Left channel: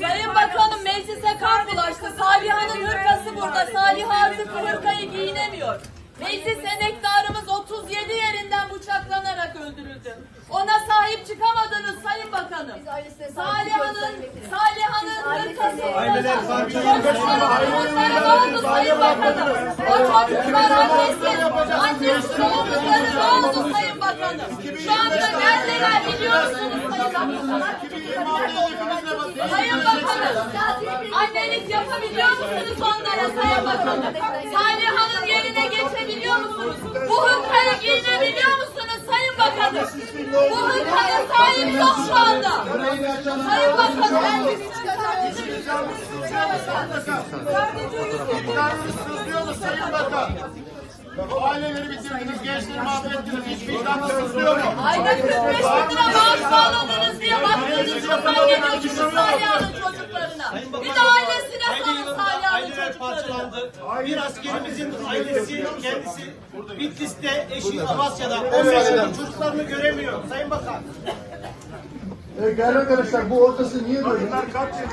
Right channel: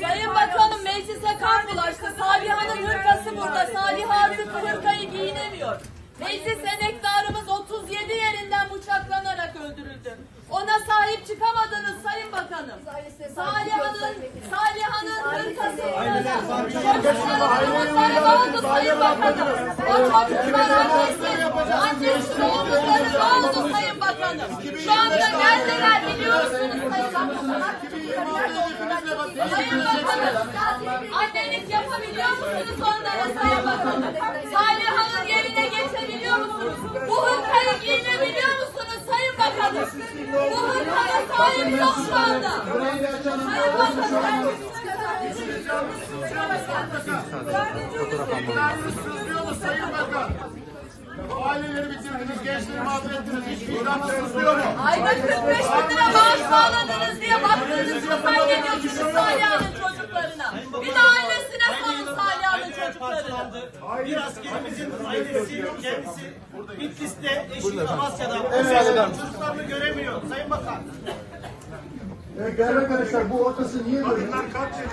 Sayın Bakanım meclise kan bulaştı. Saliha'nın hırkası burada. Saliha artık hırkayı giyinemiyor. Meclis emektarımız 37 yerinden bıçaklanarak öldürüldü. Ona sahip çıkamadınız Sayın Bakanım. Saliha'nın Saliha'nın hırkası burada. Çocukları ne oldu Sayın Bakanım? O çocuklar annesiz, annesiz oldukları ne oldu Sayın Bakanım? Şu anda neredeler biliyor musunuz Sayın Bakanım? Annelik yapabiliyor musunuz onlara Sayın Bakanım? Saliha'nın yerine geçebiliyor musunuz? Bu hırkayı giyinebiliyor musunuz Sayın Bakanım? Bu hırkaya sahip yok şu anda. Sayın Bakanım, Bu aileleri bitirdiniz, gençliği mahvettiniz, hiç vicdan sızlıyor mu? ayda 45 bin lira maaş bağladınız diye baktığınız yıldan geliyorsunuz Saliha'nın çocuklarına. Bir de ailesine sorun Saliha'nın çocuklarına. Bir askerimizin ailesi kendisi Bitlis'te eşi Amasya'da 10 yaşında çocuklarını göremiyor. Sayın Bakan. Evet değerli arkadaşlar bu ortası niye böyle? Kaç yıl